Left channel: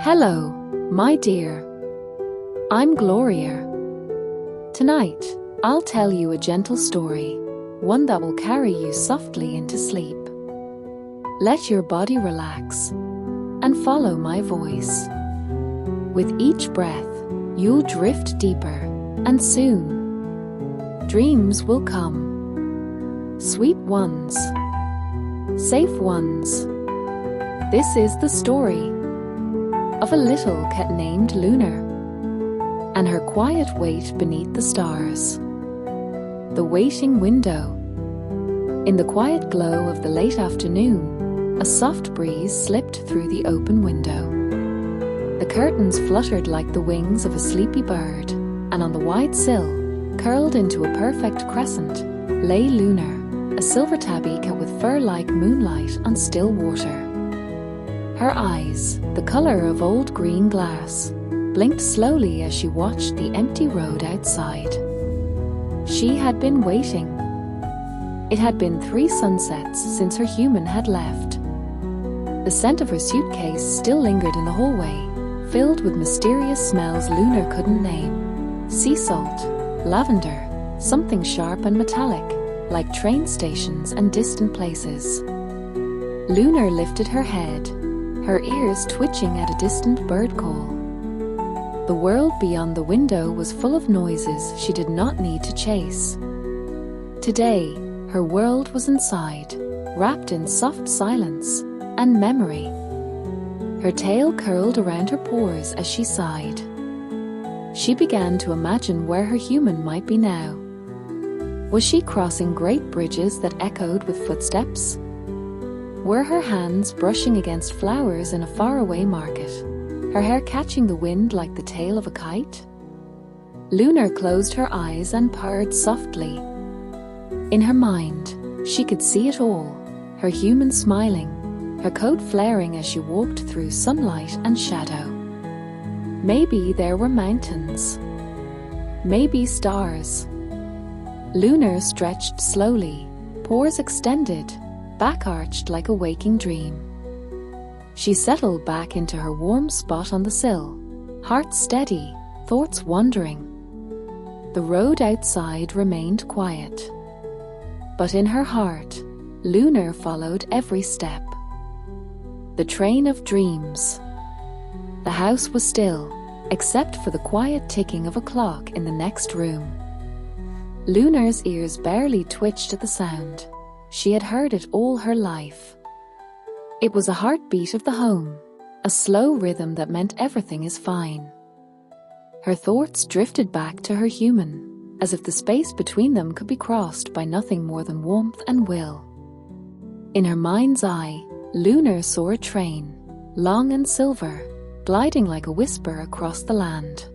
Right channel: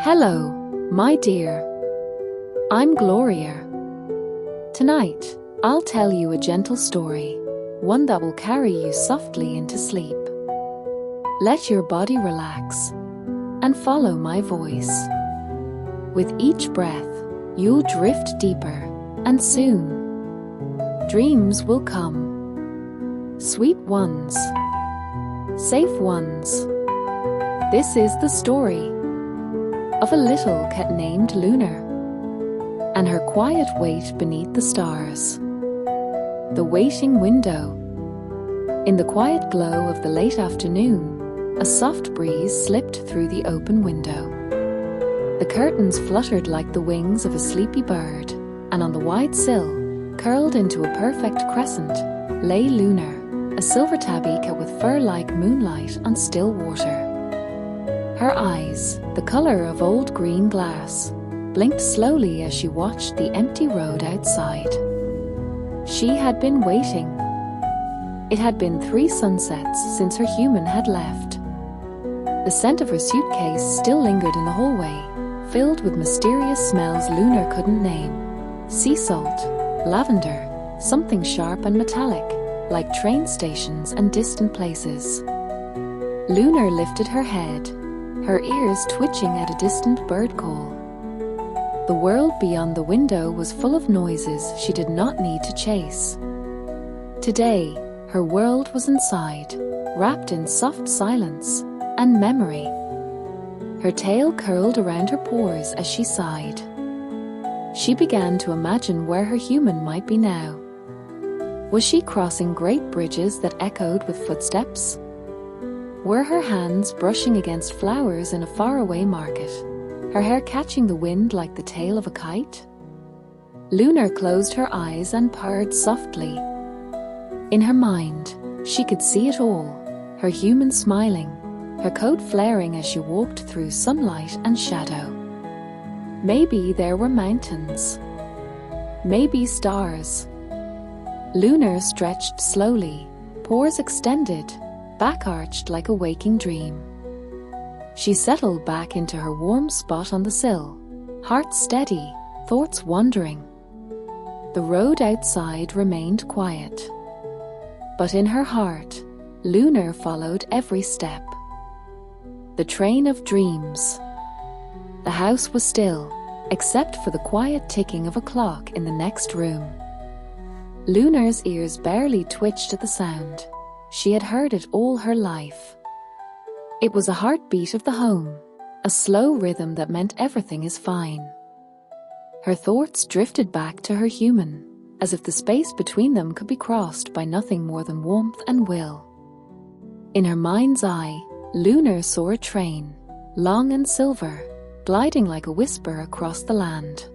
Hello, my dear. I'm Gloria. Tonight, I'll tell you a gentle story, one that will carry you softly into sleep. Let your body relax and follow my voice. With each breath, you'll drift deeper, and soon, dreams will come. Sweet ones, safe ones. This is the story of a little cat named Lunar and her quiet wait beneath the stars. The waiting window. In the quiet glow of the late afternoon, a soft breeze slipped through the open window. The curtains fluttered like the wings of a sleepy bird, and on the wide sill, curled into a perfect crescent, lay Lunar, a silver tabby cat with fur like moonlight on still water. Her eyes, the color of old green glass, blinked slowly as she watched the empty road outside. She had been waiting. It had been 3 sunsets since her human had left. The scent of her suitcase still lingered in the hallway, filled with mysterious smells Lunar couldn't name. Sea salt, lavender, something sharp and metallic, like train stations and distant places. Lunar lifted her head, her ears twitching at a distant bird call. The world beyond the window was full of noises she did not need to chase. Today, her world was inside, wrapped in soft silence and memory. Her tail curled around her paws as she sighed. She began to imagine where her human might be now. Was she crossing great bridges that echoed with footsteps? Were her hands brushing against flowers in a faraway market, her hair catching the wind like the tail of a kite? Lunar closed her eyes and purred softly. In her mind, she could see it all, her human smiling, her coat flaring as she walked through sunlight and shadow. Maybe there were mountains. Maybe stars. Lunar stretched slowly, paws extended, back arched like a waking dream. She settled back into her warm spot on the sill, heart steady, thoughts wandering. The road outside remained quiet. But in her heart, Lunar followed every step. The train of dreams. The house was still, except for the quiet ticking of a clock in the next room. Lunar's ears barely twitched at the sound. She had heard it all her life. It was a heartbeat of the home, a slow rhythm that meant everything is fine. Her thoughts drifted back to her human, as if the space between them could be crossed by nothing more than warmth and will. In her mind's eye, Lunar saw a train, long and silver, gliding like a whisper across the land.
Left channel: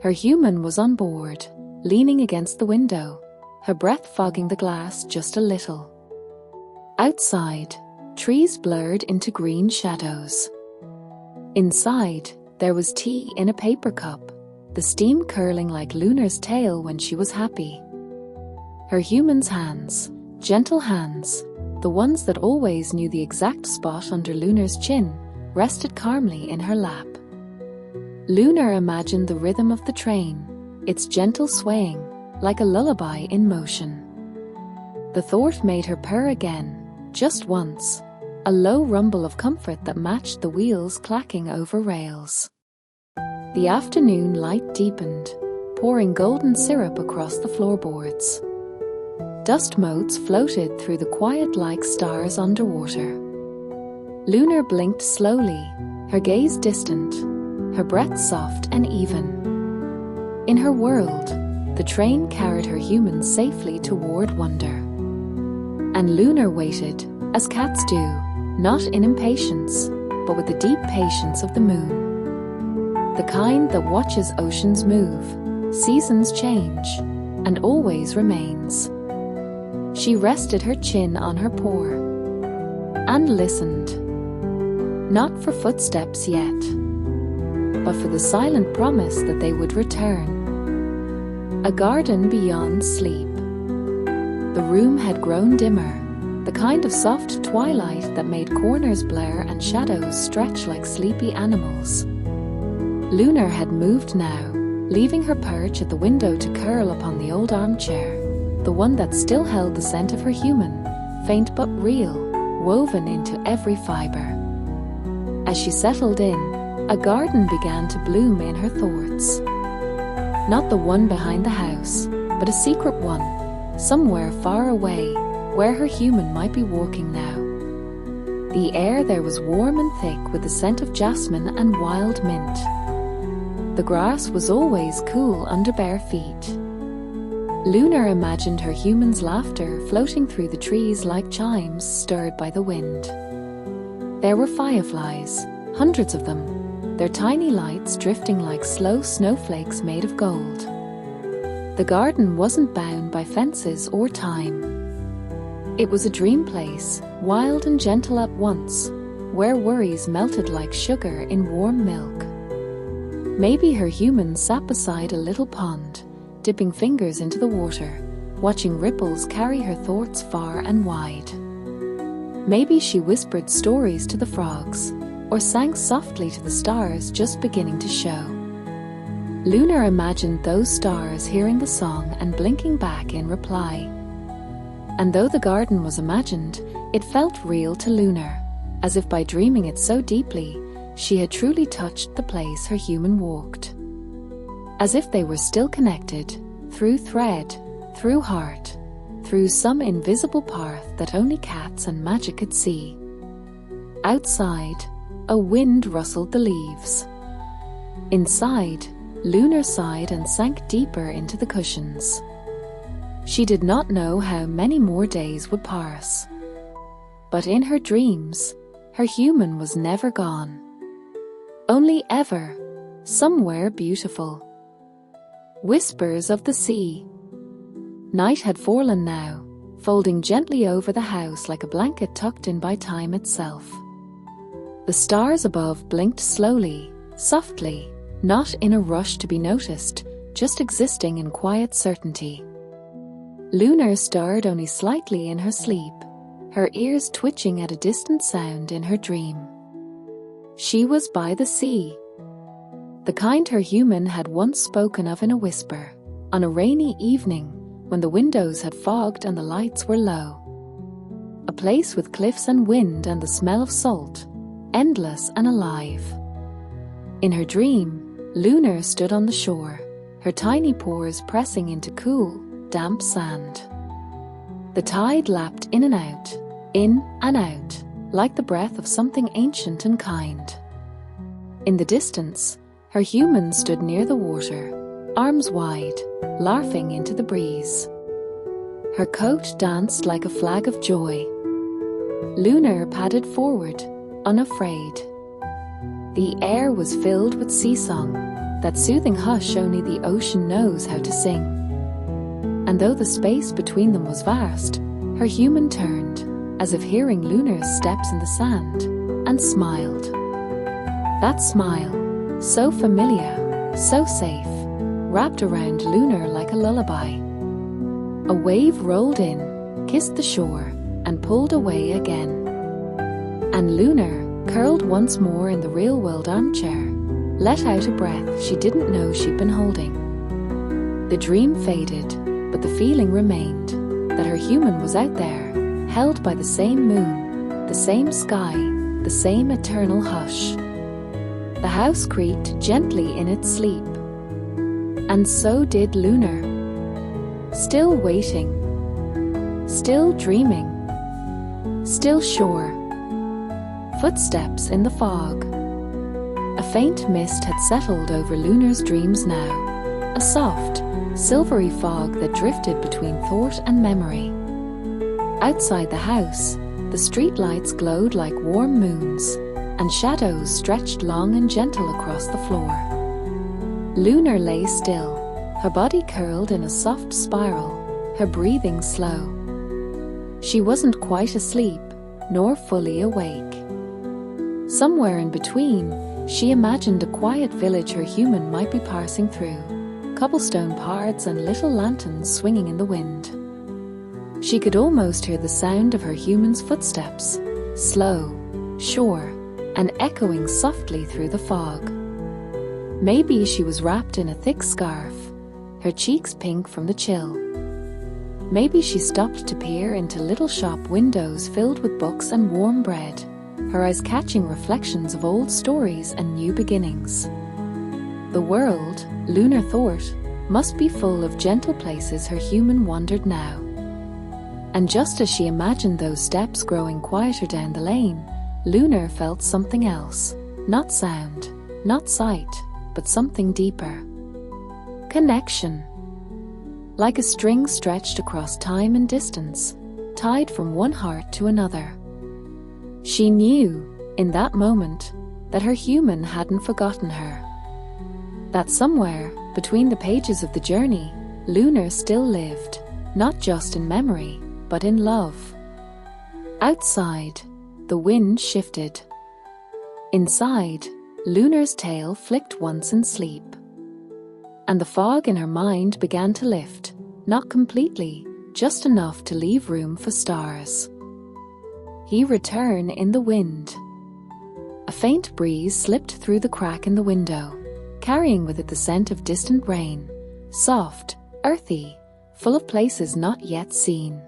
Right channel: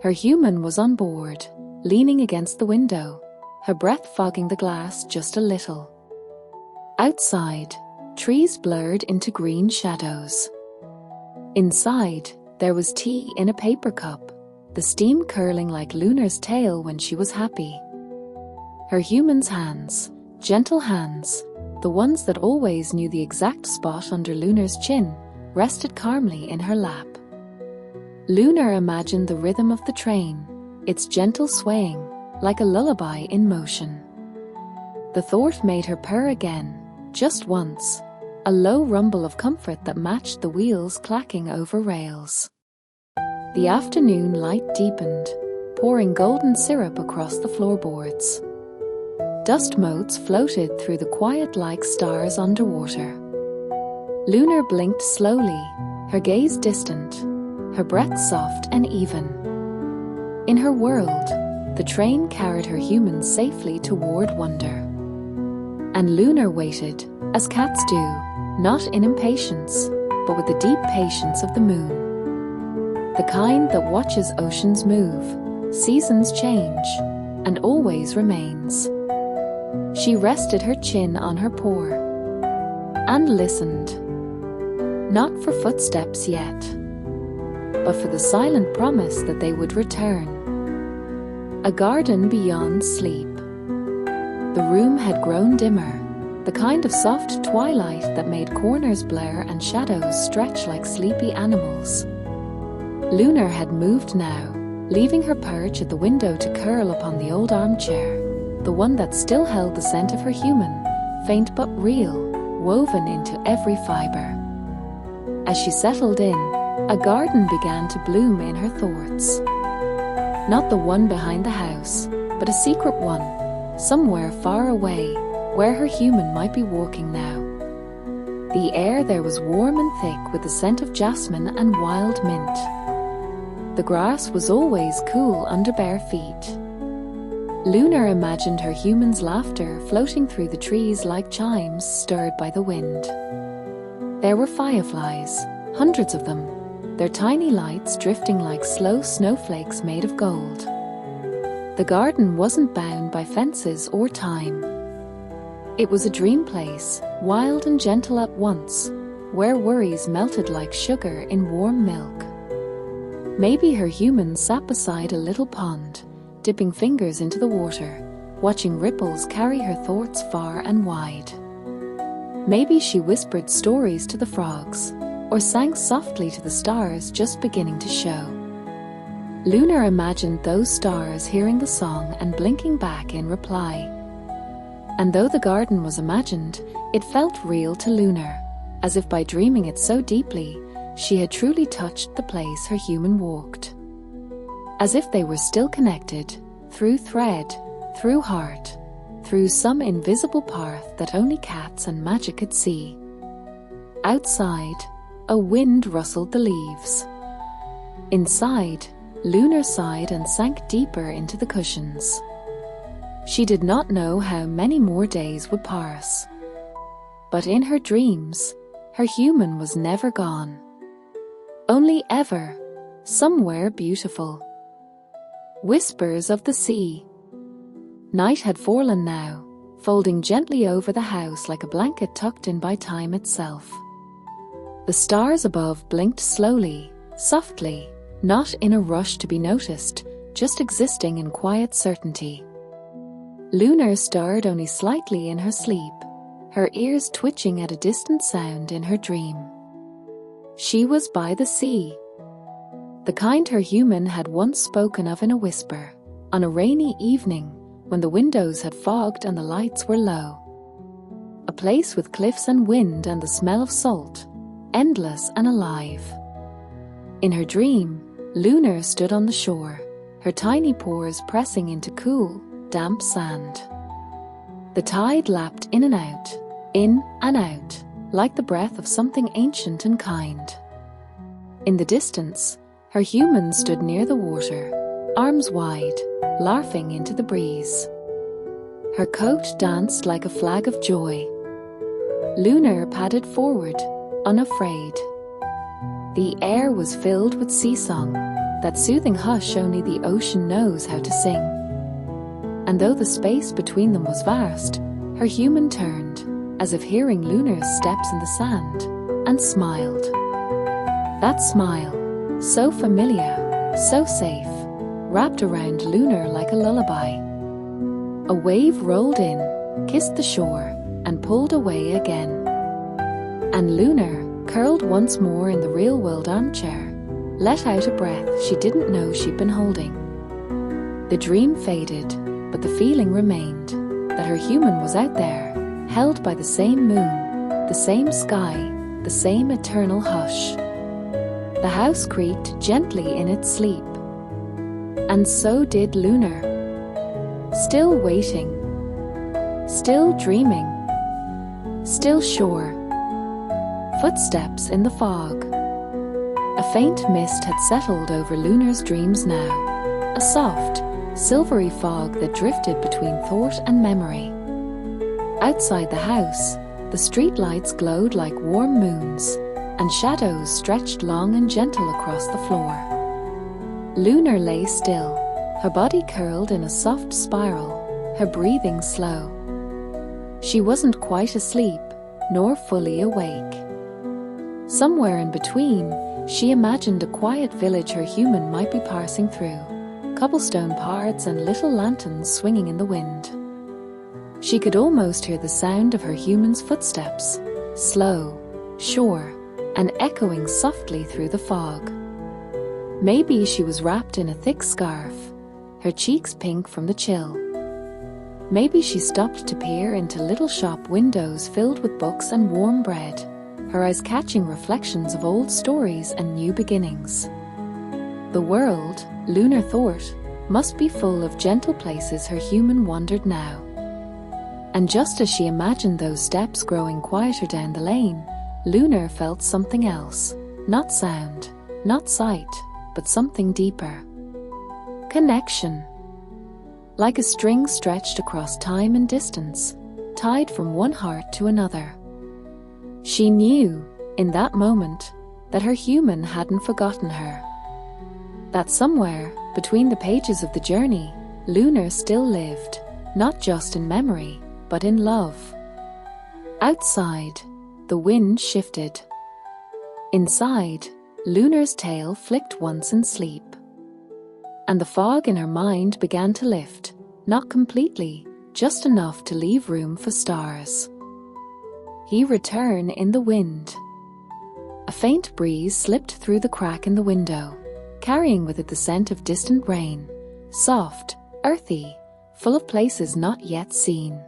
Her human was on board, leaning against the window, her breath fogging the glass just a little. Outside, trees blurred into green shadows. Inside, there was tea in a paper cup, the steam curling like Lunar's tail when she was happy. Her human's hands, gentle hands, the ones that always knew the exact spot under Lunar's chin, rested calmly in her lap. Lunar imagined the rhythm of the train, its gentle swaying, like a lullaby in motion. The thought made her purr again, just once, a low rumble of comfort that matched the wheels clacking over rails. The afternoon light deepened, pouring golden syrup across the floorboards. Dust motes floated through the quiet like stars underwater. Lunar blinked slowly, her gaze distant, her breath soft and even. In her world, the train carried her human safely toward wonder. And Lunar waited, as cats do, not in impatience, but with the deep patience of the moon. The kind that watches oceans move, seasons change, and always remains. She rested her chin on her paw and listened. Not for footsteps yet, but for the silent promise that they would return. A garden beyond sleep. The room had grown dimmer, the kind of soft twilight that made corners blur and shadows stretch like sleepy animals. Lunar had moved now, leaving her perch at the window to curl upon the old armchair, the one that still held the scent of her human, faint but real, woven into every fibre. As she settled in, a garden began to bloom in her thoughts. Not the one behind the house, but a secret one, somewhere far away, where her human might be walking now. The air there was warm and thick with the scent of jasmine and wild mint. The grass was always cool under bare feet. Lunar imagined her human's laughter floating through the trees like chimes stirred by the wind. There were fireflies, hundreds of them, their tiny lights drifting like slow snowflakes made of gold. The garden wasn't bound by fences or time. It was a dream place, wild and gentle at once, where worries melted like sugar in warm milk. Maybe her human sat beside a little pond, dipping fingers into the water, watching ripples carry her thoughts far and wide. Maybe she whispered stories to the frogs, or sang softly to the stars just beginning to show. Lunar imagined those stars hearing the song and blinking back in reply. And though the garden was imagined, it felt real to Lunar, as if by dreaming it so deeply, she had truly touched the place her human walked. As if they were still connected, through thread, through heart, through some invisible path that only cats and magic could see. Outside, a wind rustled the leaves. Inside, Lunar sighed and sank deeper into the cushions. She did not know how many more days would pass. But in her dreams, her human was never gone. Only ever, somewhere beautiful. Whispers of the sea. Night had fallen now, folding gently over the house like a blanket tucked in by time itself. The stars above blinked slowly, softly, not in a rush to be noticed, just existing in quiet certainty. Lunar stirred only slightly in her sleep, her ears twitching at a distant sound in her dream. She was by the sea. The kind her human had once spoken of in a whisper, on a rainy evening when the windows had fogged and the lights were low. A place with cliffs and wind and the smell of salt, endless and alive. In her dream, Lunar stood on the shore, her tiny paws pressing into cool, damp sand. The tide lapped in and out, like the breath of something ancient and kind. In the distance, her human stood near the water, arms wide, laughing into the breeze. Her coat danced like a flag of joy. Lunar padded forward, unafraid. The air was filled with sea song, that soothing hush only the ocean knows how to sing. And though the space between them was vast, her human turned, as if hearing Lunar's steps in the sand, and smiled. That smile, so familiar, so safe, wrapped around Lunar like a lullaby. A wave rolled in, kissed the shore, and pulled away again. And Lunar, curled once more in the real-world armchair, let out a breath she didn't know she'd been holding. The dream faded, but the feeling remained, that her human was out there, held by the same moon, the same sky, the same eternal hush. The house creaked gently in its sleep. And so did Lunar. Still waiting. Still dreaming. Still sure. Footsteps in the fog. A faint mist had settled over Lunar's dreams now, a soft, silvery fog that drifted between thought and memory. Outside the house, the streetlights glowed like warm moons, and shadows stretched long and gentle across the floor. Lunar lay still, her body curled in a soft spiral, her breathing slow. She wasn't quite asleep, nor fully awake. Somewhere in between, she imagined a quiet village her human might be passing through, cobblestone paths and little lanterns swinging in the wind. She could almost hear the sound of her human's footsteps, slow, sure, and echoing softly through the fog. Maybe she was wrapped in a thick scarf, her cheeks pink from the chill. Maybe she stopped to peer into little shop windows filled with books and warm bread, her eyes catching reflections of old stories and new beginnings. The world, Lunar thought, must be full of gentle places her human wandered now. And just as she imagined those steps growing quieter down the lane, Lunar felt something else. Not sound, not sight, but something deeper. Connection. Like a string stretched across time and distance, tied from one heart to another. She knew, in that moment, that her human hadn't forgotten her. That somewhere, between the pages of the journey, Lunar still lived, not just in memory, but in love. Outside, the wind shifted. Inside, Lunar's tail flicked once in sleep. And the fog in her mind began to lift, not completely, just enough to leave room for stars. He returned in the wind. A faint breeze slipped through the crack in the window, carrying with it the scent of distant rain, soft, earthy, full of places not yet seen.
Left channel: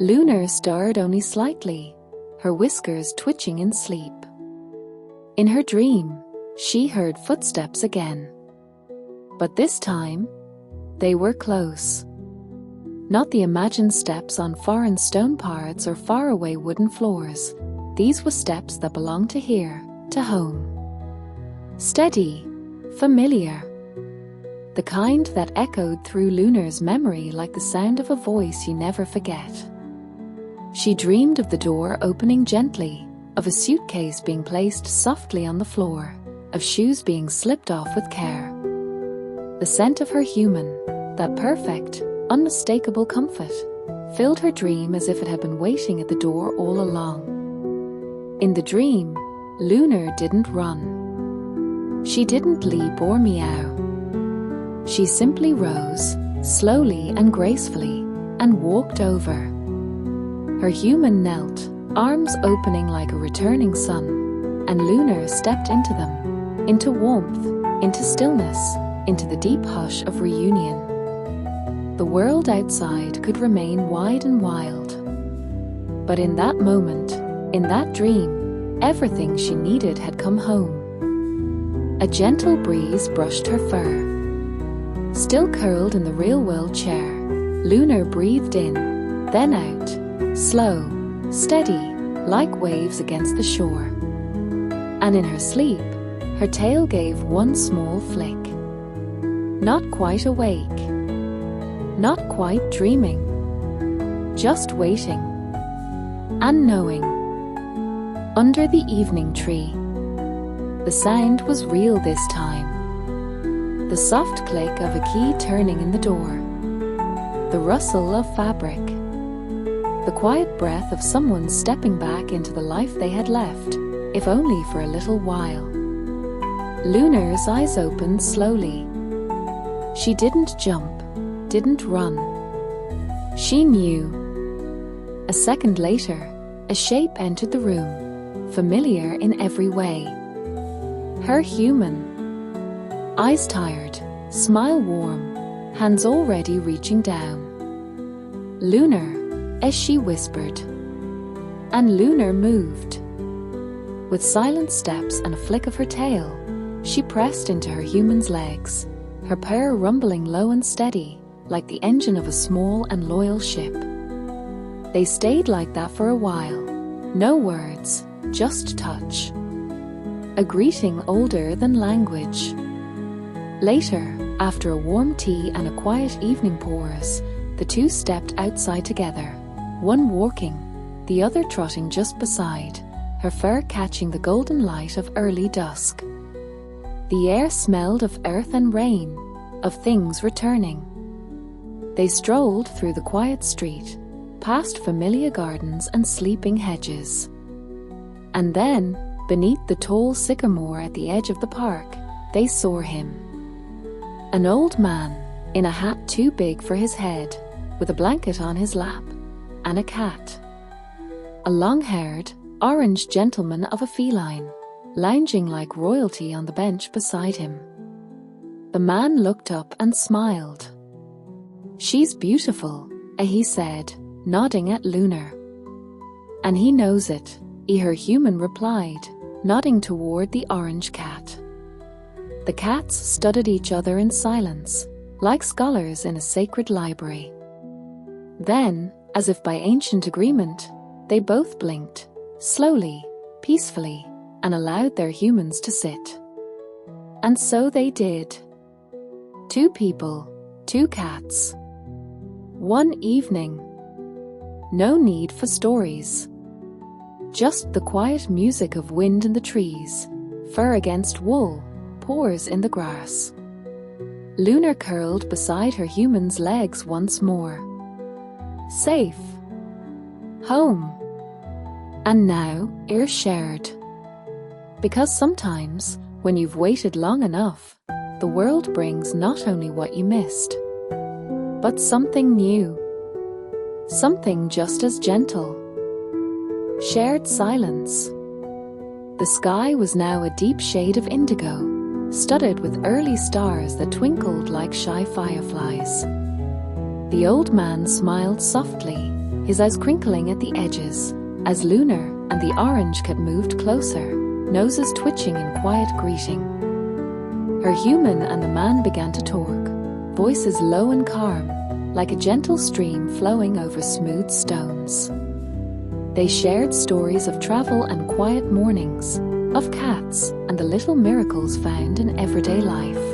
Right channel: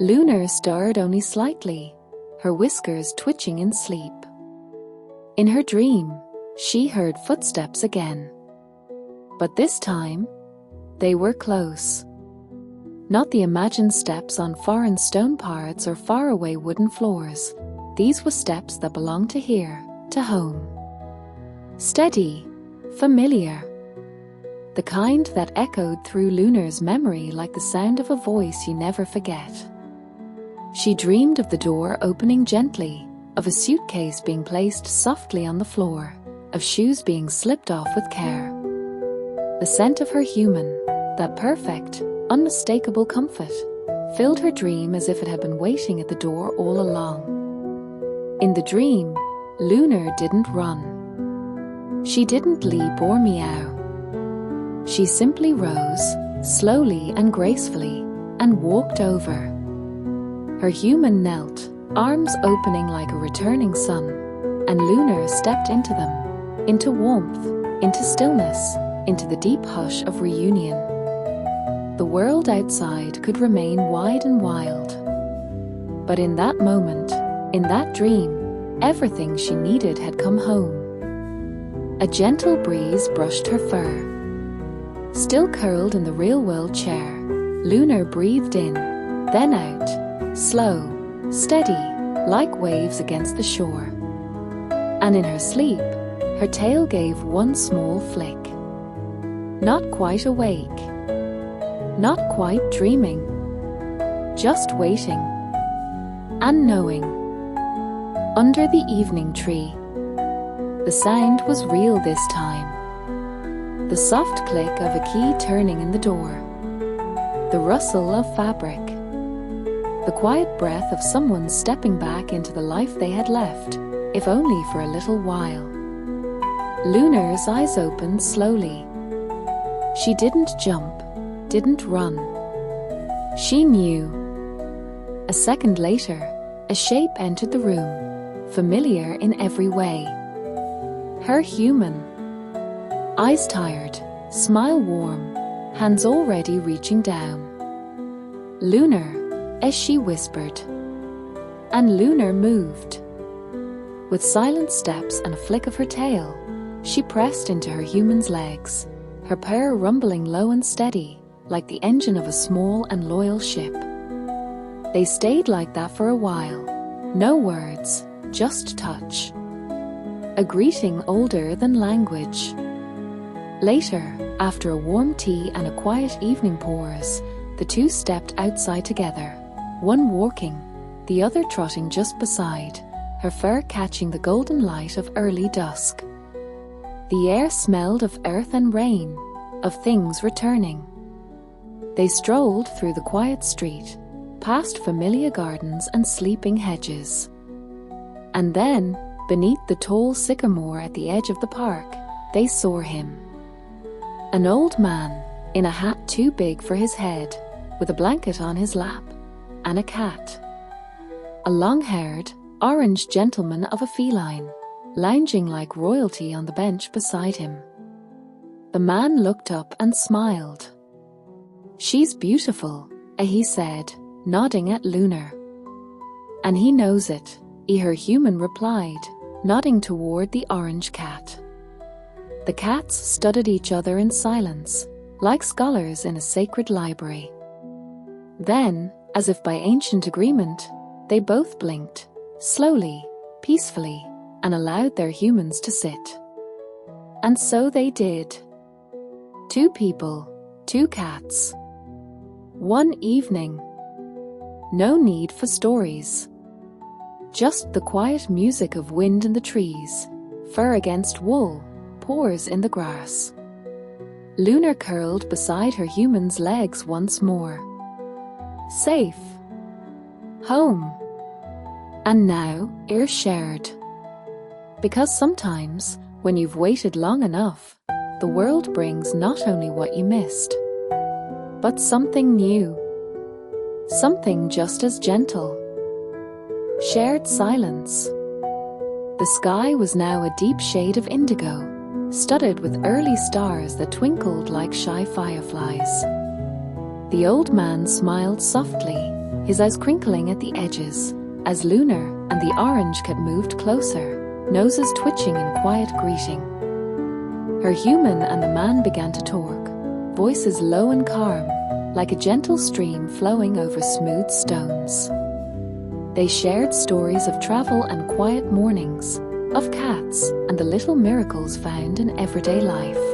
Lunar stirred only slightly, her whiskers twitching in sleep. In her dream, she heard footsteps again. But this time, they were close. Not the imagined steps on foreign stone paths or faraway wooden floors. These were steps that belonged to here, to home. Steady, familiar. The kind that echoed through Lunar's memory like the sound of a voice you never forget. She dreamed of the door opening gently, of a suitcase being placed softly on the floor, of shoes being slipped off with care. The scent of her human, that perfect, unmistakable comfort, filled her dream as if it had been waiting at the door all along. In the dream, Lunar didn't run. She didn't leap or meow. She simply rose, slowly and gracefully, and walked over. Her human knelt, arms opening like a returning sun, and Lunar stepped into them, into warmth, into stillness, into the deep hush of reunion. The world outside could remain wide and wild. But in that moment, in that dream, everything she needed had come home. A gentle breeze brushed her fur. Still curled in the real-world chair, Lunar breathed in, then out, slow, steady, like waves against the shore. And in her sleep, her tail gave one small flick. Not quite awake. Not quite dreaming. Just waiting. And knowing. Under the evening tree. The sound was real this time. The soft click of a key turning in the door. The rustle of fabric. The quiet breath of someone stepping back into the life they had left, if only for a little while. Lunar's eyes opened slowly. She didn't jump, didn't run. She knew. A second later, a shape entered the room, familiar in every way. Her human. Eyes tired, smile warm, hands already reaching down. Lunar, as she whispered. And Lunar moved. With silent steps and a flick of her tail, she pressed into her human's legs, her purr rumbling low and steady, like the engine of a small and loyal ship. They stayed like that for a while. No words, just touch. A greeting older than language. Later, after a warm tea and a quiet evening pause, the two stepped outside together, one walking, the other trotting just beside, her fur catching the golden light of early dusk. The air smelled of earth and rain, of things returning. They strolled through the quiet street, past familiar gardens and sleeping hedges. And then, beneath the tall sycamore at the edge of the park, they saw him. An old man, in a hat too big for his head, with a blanket on his lap, and a cat. A long-haired, orange gentleman of a feline, lounging like royalty on the bench beside him. The man looked up and smiled. "She's beautiful," he said, nodding at Lunar. "And he knows it," her human replied, nodding toward the orange cat. The cats studied each other in silence, like scholars in a sacred library. Then, as if by ancient agreement, they both blinked, slowly, peacefully, and allowed their humans to sit. And so they did. 2 people, 2 cats. One evening. No need for stories. Just the quiet music of wind in the trees, fur against wool, pores in the grass. Lunar curled beside her human's legs once more. Safe. Home. And now, air shared. Because sometimes, when you've waited long enough, the world brings not only what you missed, but something new. Something just as gentle. Shared silence. The sky was now a deep shade of indigo, studded with early stars that twinkled like shy fireflies. The old man smiled softly, his eyes crinkling at the edges, as Lunar and the orange cat moved closer, noses twitching in quiet greeting. Her human and the man began to talk, voices low and calm, like a gentle stream flowing over smooth stones. They shared stories of travel and quiet mornings, of cats and the little miracles found in everyday life.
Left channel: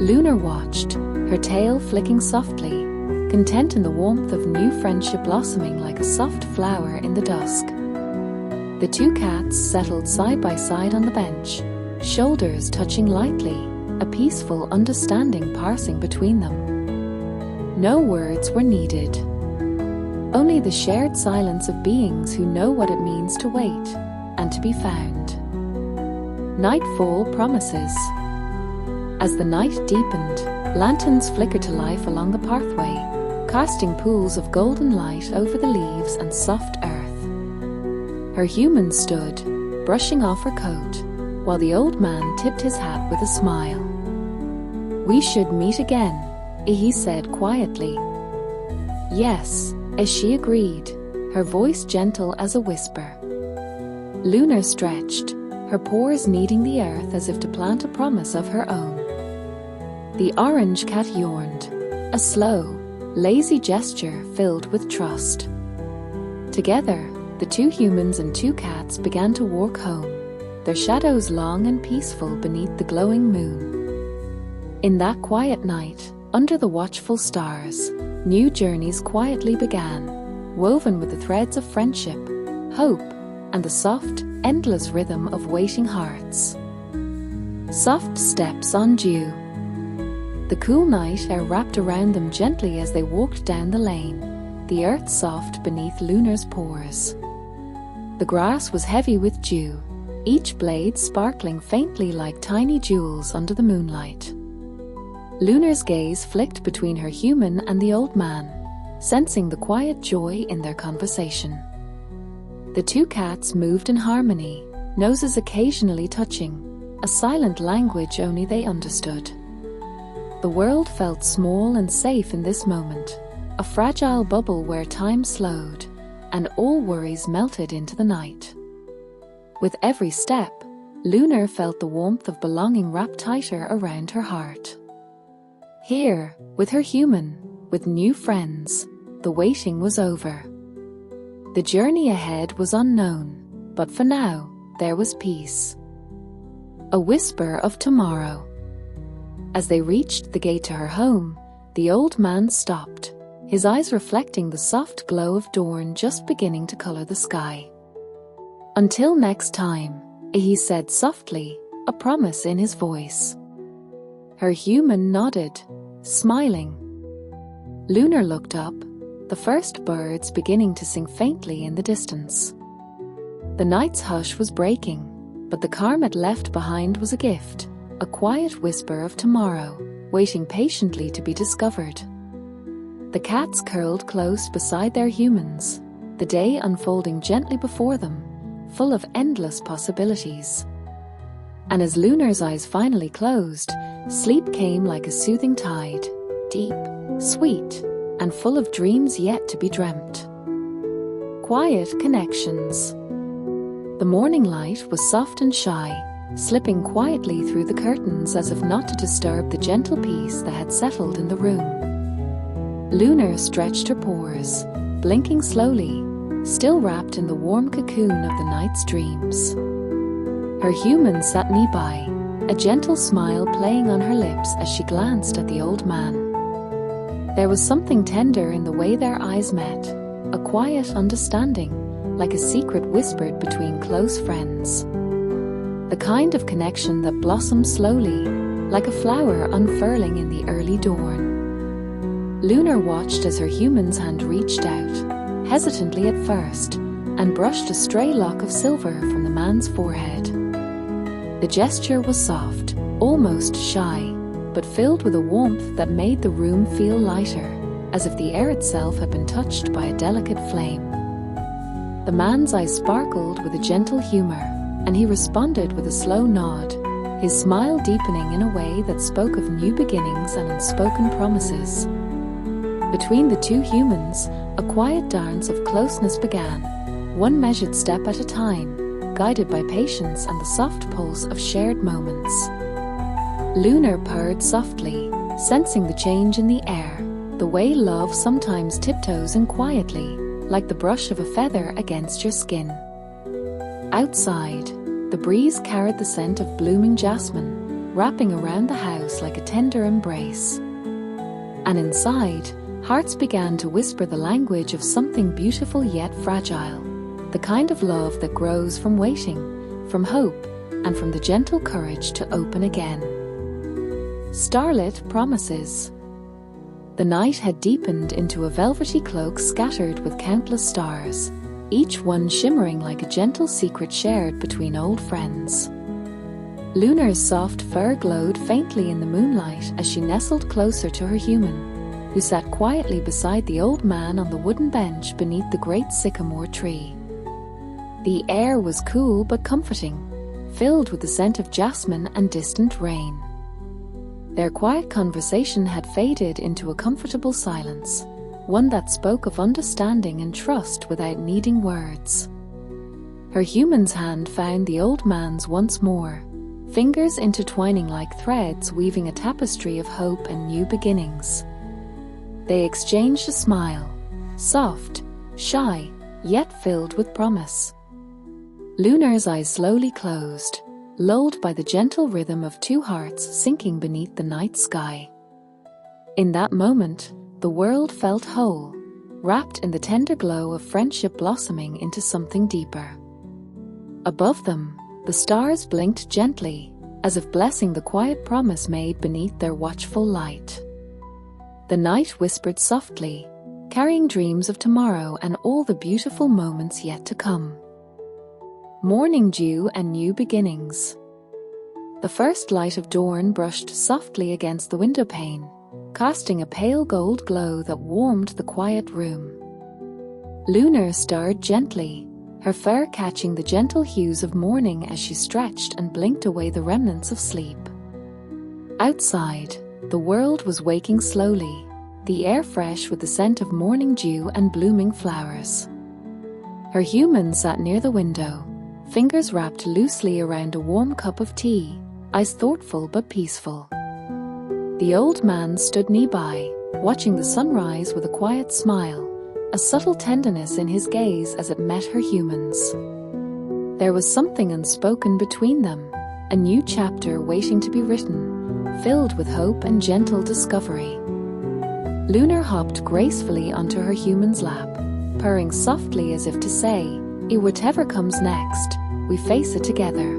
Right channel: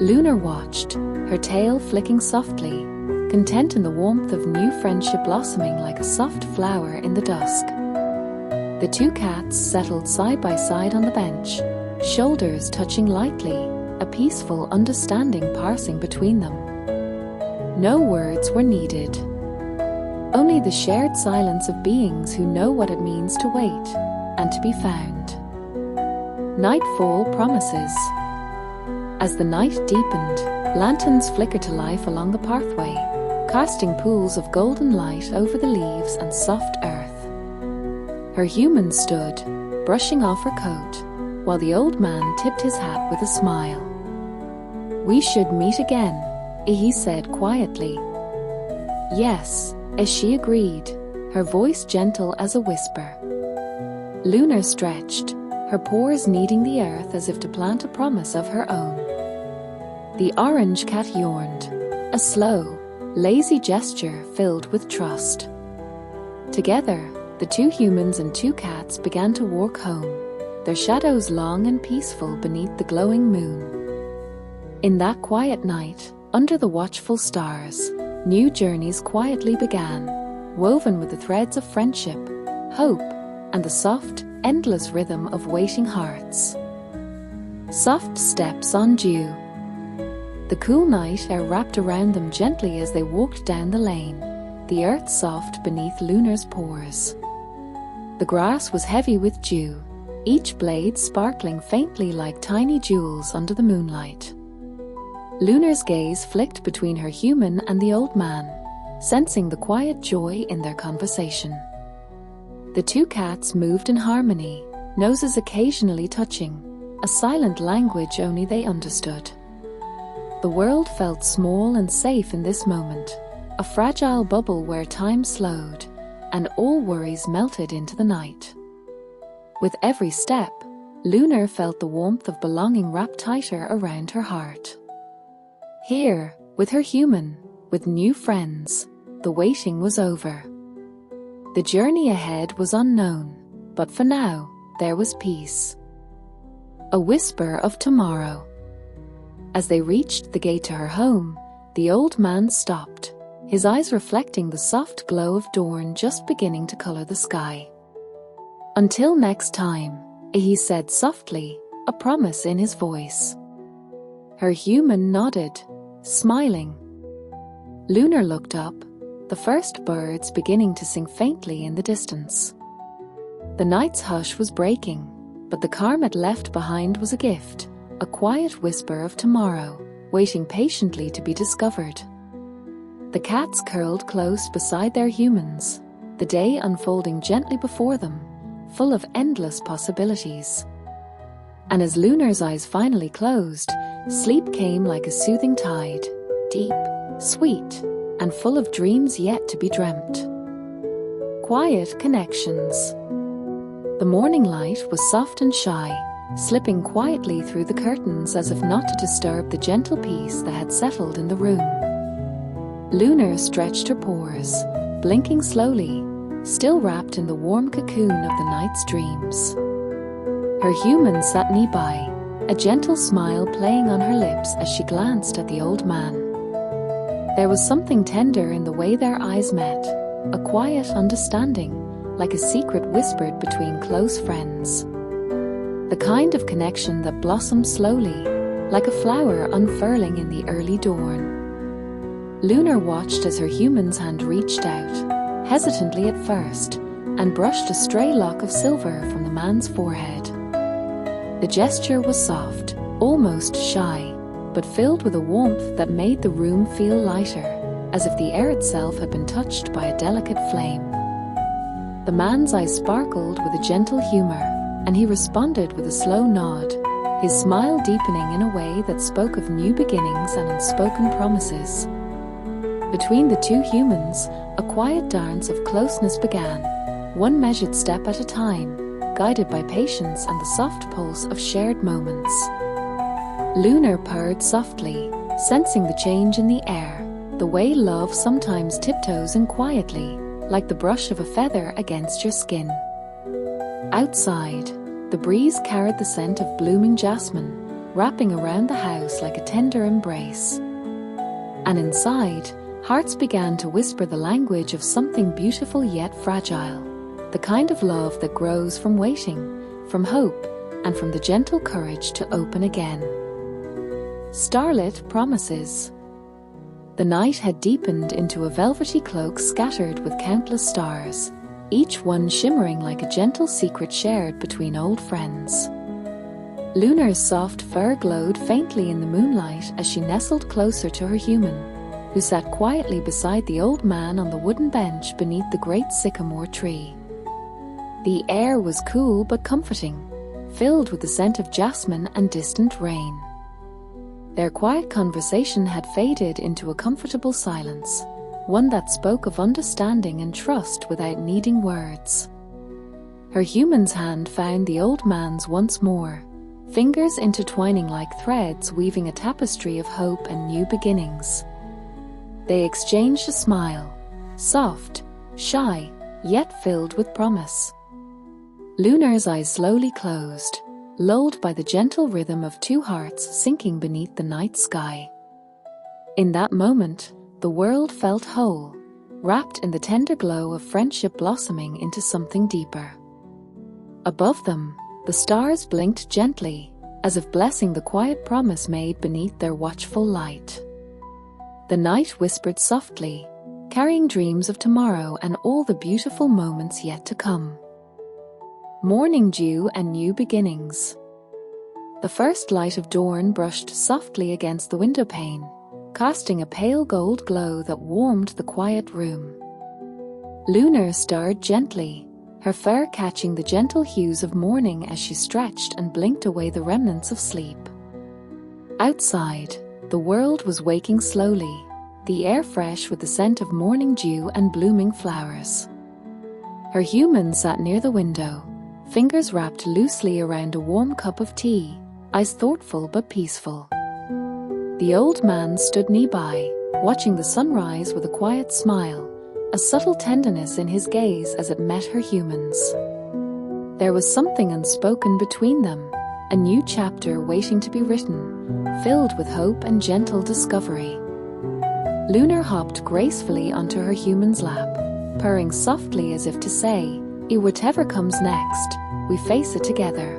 Lunar watched, her tail flicking softly, content in the warmth of new friendship blossoming like a soft flower in the dusk. The 2 cats settled side by side on the bench, shoulders touching lightly, a peaceful understanding passing between them. No words were needed. Only the shared silence of beings who know what it means to wait and to be found. Nightfall promises. As the night deepened, lanterns flickered to life along the pathway, casting pools of golden light over the leaves and soft earth. Her human stood, brushing off her coat, while the old man tipped his hat with a smile. "We should meet again," he said quietly. "Yes," as she agreed, her voice gentle as a whisper. Lunar stretched, her pores kneading the earth as if to plant a promise of her own. The orange cat yawned, a slow, lazy gesture filled with trust. Together, the 2 humans and 2 cats began to walk home, their shadows long and peaceful beneath the glowing moon. In that quiet night, under the watchful stars, new journeys quietly began, woven with the threads of friendship, hope, and the soft, endless rhythm of waiting hearts. Soft steps on dew. The cool night air wrapped around them gently as they walked down the lane, the earth soft beneath Lunar's pores. The grass was heavy with dew, each blade sparkling faintly like tiny jewels under the moonlight. Lunar's gaze flicked between her human and the old man, sensing the quiet joy in their conversation. The 2 cats moved in harmony, noses occasionally touching, a silent language only they understood. The world felt small and safe in this moment, a fragile bubble where time slowed, and all worries melted into the night. With every step, Lunar felt the warmth of belonging wrapped tighter around her heart. Here, with her human, with new friends, the waiting was over. The journey ahead was unknown, but for now, there was peace. A whisper of tomorrow. As they reached the gate to her home, the old man stopped, his eyes reflecting the soft glow of dawn just beginning to color the sky. "Until next time," he said softly, a promise in his voice. Her human nodded, smiling. Lunar looked up, the first birds beginning to sing faintly in the distance. The night's hush was breaking, but the calm it left behind was a gift, a quiet whisper of tomorrow, waiting patiently to be discovered. The cats curled close beside their humans, the day unfolding gently before them, full of endless possibilities. And as Lunar's eyes finally closed, sleep came like a soothing tide, deep, sweet, and full of dreams yet to be dreamt. Quiet connections. The morning light was soft and shy, slipping quietly through the curtains as if not to disturb the gentle peace that had settled in the room. Lunar stretched her pores, blinking slowly, still wrapped in the warm cocoon of the night's dreams. Her human sat nearby, a gentle smile playing on her lips as she glanced at the old man. There was something tender in the way their eyes met, a quiet understanding, like a secret whispered between close friends. The kind of connection that blossomed slowly, like a flower unfurling in the early dawn. Lunar watched as her human's hand reached out, hesitantly at first, and brushed a stray lock of silver from the man's forehead. The gesture was soft, almost shy, but filled with a warmth that made the room feel lighter, as if the air itself had been touched by a delicate flame. The man's eyes sparkled with a gentle humor, and he responded with a slow nod, his smile deepening in a way that spoke of new beginnings and unspoken promises. Between the two humans, a quiet dance of closeness began, one measured step at a time, guided by patience and the soft pulse of shared moments. Lunar purred softly, sensing the change in the air, the way love sometimes tiptoes in quietly, like the brush of a feather against your skin. Outside, the breeze carried the scent of blooming jasmine, wrapping around the house like a tender embrace. And inside, hearts began to whisper the language of something beautiful yet fragile, the kind of love that grows from waiting, from hope, and from the gentle courage to open again. Starlit promises. The night had deepened into a velvety cloak scattered with countless stars, each one shimmering like a gentle secret shared between old friends. Lunar's soft fur glowed faintly in the moonlight as she nestled closer to her human, who sat quietly beside the old man on the wooden bench beneath the great sycamore tree. The air was cool but comforting, filled with the scent of jasmine and distant rain. Their quiet conversation had faded into a comfortable silence, one that spoke of understanding and trust without needing words. Her human's hand found the old man's once more, fingers intertwining like threads weaving a tapestry of hope and new beginnings. They exchanged a smile, soft, shy, yet filled with promise. Lunar's eyes slowly closed, lulled by the gentle rhythm of two hearts sinking beneath the night sky. In that moment, the world felt whole, wrapped in the tender glow of friendship blossoming into something deeper. Above them, the stars blinked gently, as if blessing the quiet promise made beneath their watchful light. The night whispered softly, carrying dreams of tomorrow and all the beautiful moments yet to come. Morning dew and new beginnings. The first light of dawn brushed softly against the windowpane, casting a pale gold glow that warmed the quiet room. Lunar stirred gently, her fur catching the gentle hues of morning as she stretched and blinked away the remnants of sleep. Outside, the world was waking slowly, the air fresh with the scent of morning dew and blooming flowers. Her human sat near the window, fingers wrapped loosely around a warm cup of tea, eyes thoughtful but peaceful. The old man stood nearby, watching the sunrise with a quiet smile, a subtle tenderness in his gaze as it met her human's. There was something unspoken between them, a new chapter waiting to be written, filled with hope and gentle discovery. Lunar hopped gracefully onto her human's lap, purring softly as if to say, "Whatever comes next, we face it together."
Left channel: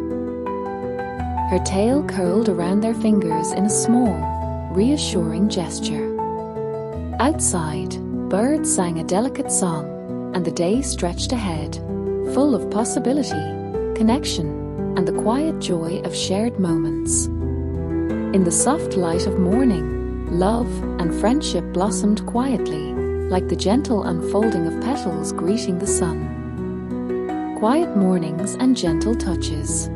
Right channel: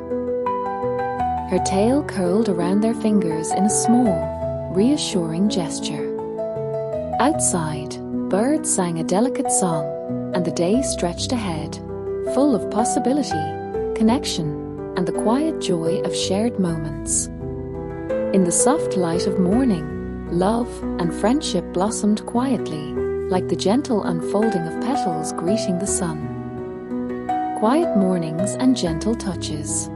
Her tail curled around their fingers in a small, reassuring gesture. Outside, birds sang a delicate song, and the day stretched ahead, full of possibility, connection, and the quiet joy of shared moments. In the soft light of morning, love, and friendship blossomed quietly, like the gentle unfolding of petals greeting the sun. Quiet mornings and gentle touches.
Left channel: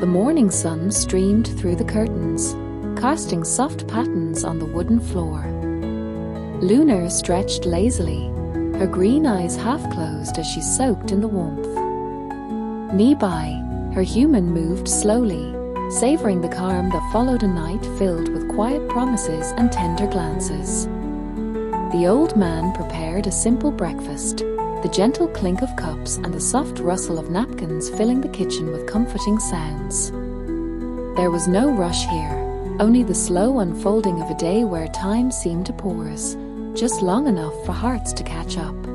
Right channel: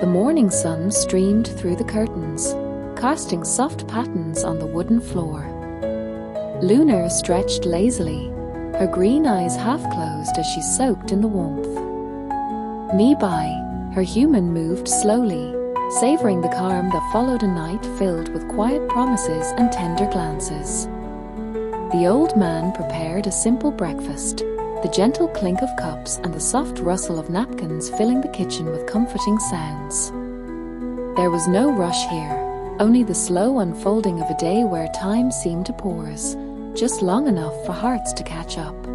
The morning sun streamed through the curtains, casting soft patterns on the wooden floor. Lunar stretched lazily, her green eyes half-closed as she soaked in the warmth. Nearby, her human moved slowly, savoring the calm that followed a night filled with quiet promises and tender glances. The old man prepared a simple breakfast, the gentle clink of cups and the soft rustle of napkins filling the kitchen with comforting sounds. There was no rush here, only the slow unfolding of a day where time seemed to pause, just long enough for hearts to catch up.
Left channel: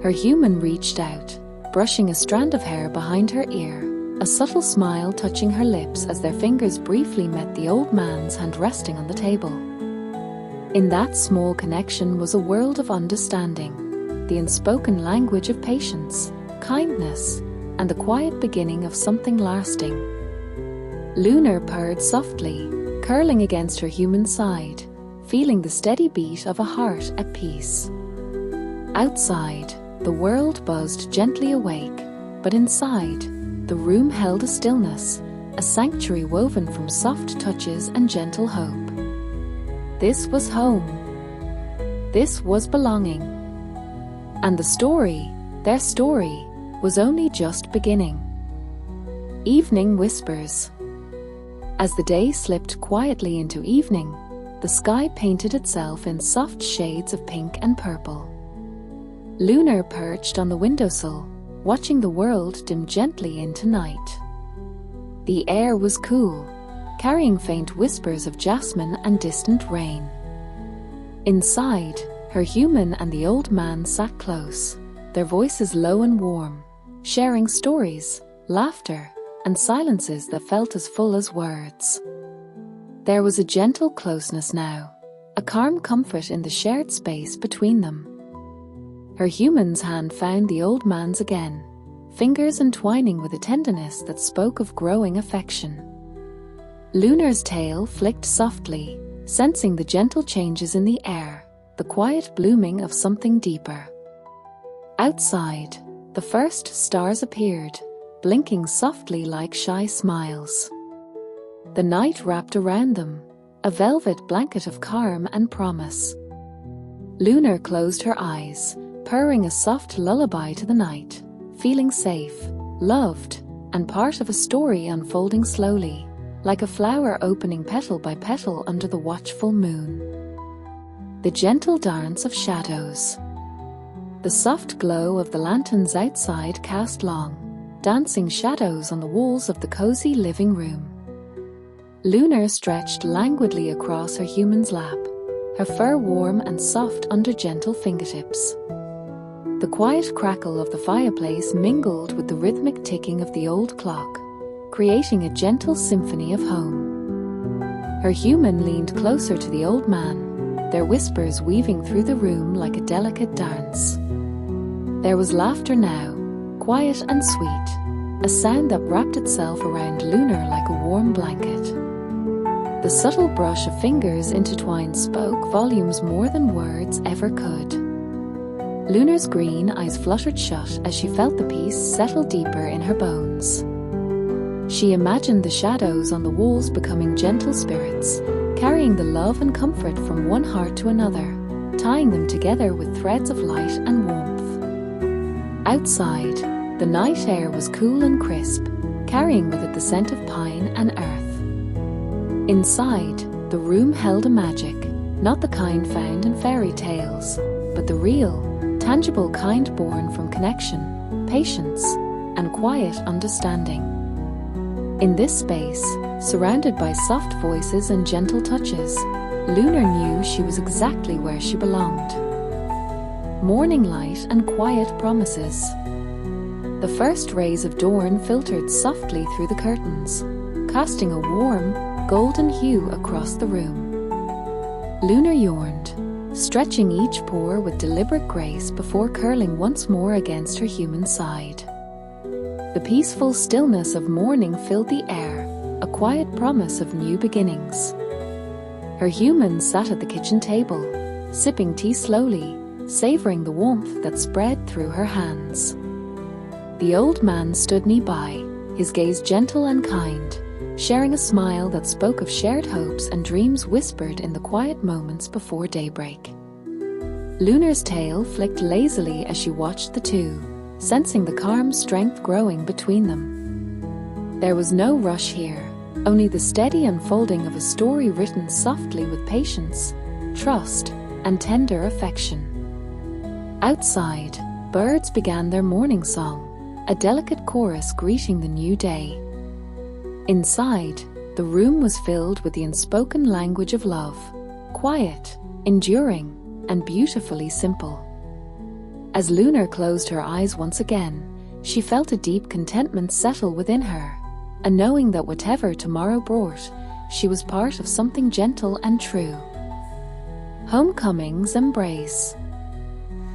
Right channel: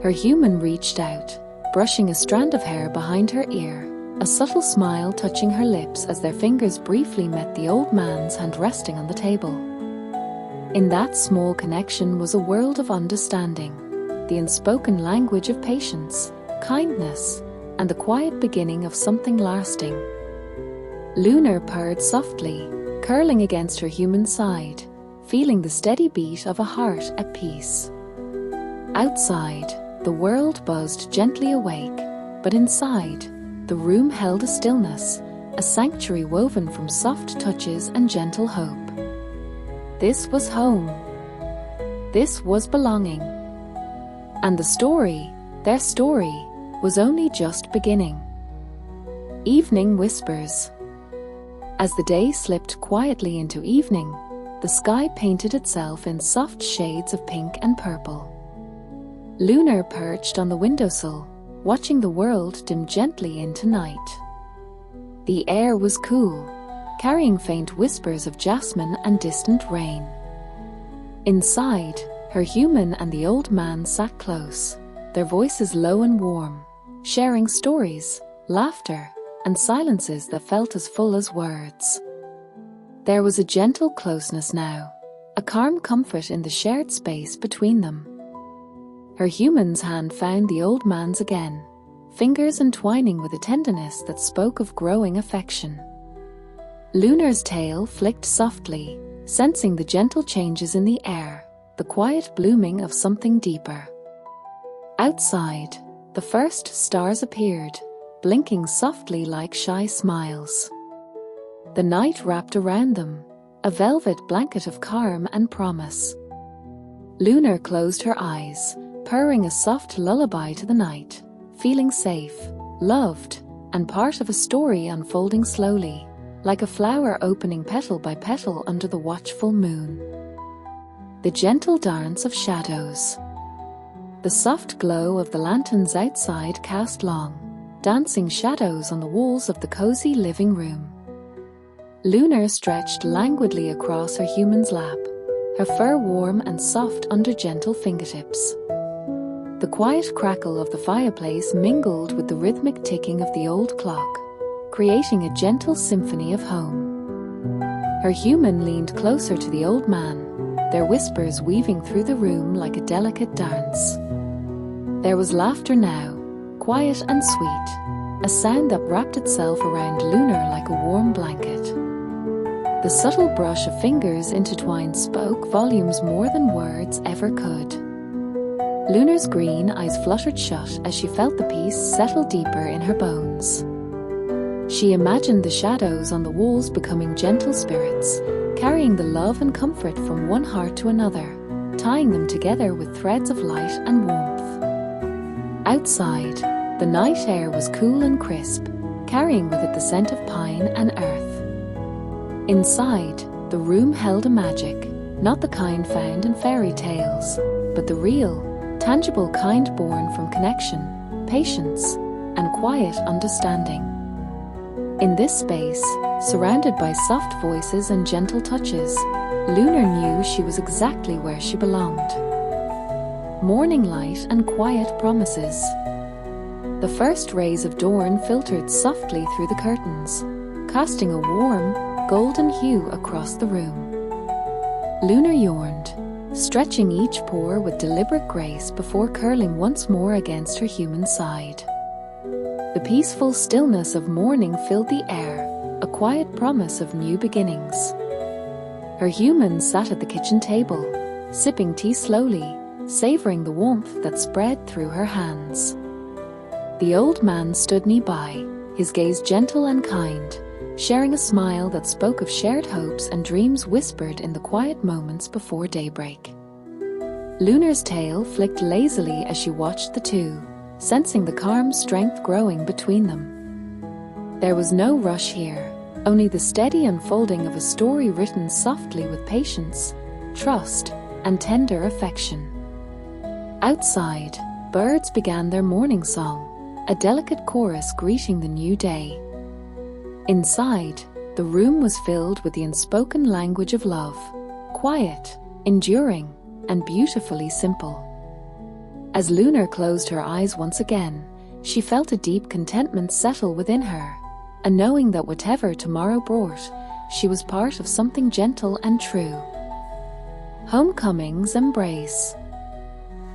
Her human reached out, brushing a strand of hair behind her ear, a subtle smile touching her lips as their fingers briefly met the old man's hand resting on the table. In that small connection was a world of understanding, the unspoken language of patience, kindness, and the quiet beginning of something lasting. Lunar purred softly, curling against her human side, feeling the steady beat of a heart at peace. Outside, the world buzzed gently awake, but inside, the room held a stillness, a sanctuary woven from soft touches and gentle hope. This was home. This was belonging. And the story, their story, was only just beginning. Evening whispers. As the day slipped quietly into evening, the sky painted itself in soft shades of pink and purple. Lunar perched on the windowsill, watching the world dim gently into night. The air was cool, carrying faint whispers of jasmine and distant rain. Inside, her human and the old man sat close, their voices low and warm, sharing stories, laughter, and silences that felt as full as words. There was a gentle closeness now, a calm comfort in the shared space between them. Her human's hand found the old man's again, fingers entwining with a tenderness that spoke of growing affection. Lunar's tail flicked softly, sensing the gentle changes in the air, the quiet blooming of something deeper. Outside, the first stars appeared, blinking softly like shy smiles. The night wrapped around them, a velvet blanket of calm and promise. Lunar closed her eyes, purring a soft lullaby to the night, feeling safe, loved, and part of a story unfolding slowly, like a flower opening petal by petal under the watchful moon. The gentle dance of shadows. The soft glow of the lanterns outside cast long, dancing shadows on the walls of the cozy living room. Lunar stretched languidly across her human's lap, her fur warm and soft under gentle fingertips. The quiet crackle of the fireplace mingled with the rhythmic ticking of the old clock, creating a gentle symphony of home. Her human leaned closer to the old man, their whispers weaving through the room like a delicate dance. There was laughter now, quiet and sweet, a sound that wrapped itself around Lunar like a warm blanket. The subtle brush of fingers intertwined spoke volumes more than words ever could. Lunar's green eyes fluttered shut as she felt the peace settle deeper in her bones. She imagined the shadows on the walls becoming gentle spirits, carrying the love and comfort from one heart to another, tying them together with threads of light and warmth. Outside, the night air was cool and crisp, carrying with it the scent of pine and earth. Inside, the room held a magic, not the kind found in fairy tales, but the real, tangible kind born from connection, patience, and quiet understanding. In this space, surrounded by soft voices and gentle touches, Lunar knew she was exactly where she belonged. Morning light and quiet promises. The first rays of dawn filtered softly through the curtains, casting a warm, golden hue across the room. Lunar yawned, stretching each pore with deliberate grace before curling once more against her human side. The peaceful stillness of morning filled the air, a quiet promise of new beginnings. Her humans sat at the kitchen table, sipping tea slowly, savoring the warmth that spread through her hands. The old man stood nearby, his gaze gentle and kind, sharing a smile that spoke of shared hopes and dreams whispered in the quiet moments before daybreak. Lunar's tail flicked lazily as she watched the two, sensing the calm strength growing between them. There was no rush here, only the steady unfolding of a story written softly with patience, trust, and tender affection. Outside, birds began their morning song, a delicate chorus greeting the new day. Inside, the room was filled with the unspoken language of love, quiet, enduring, and beautifully simple. As Lunar closed her eyes once again, she felt a deep contentment settle within her, a knowing that whatever tomorrow brought, she was part of something gentle and true. Homecoming's embrace.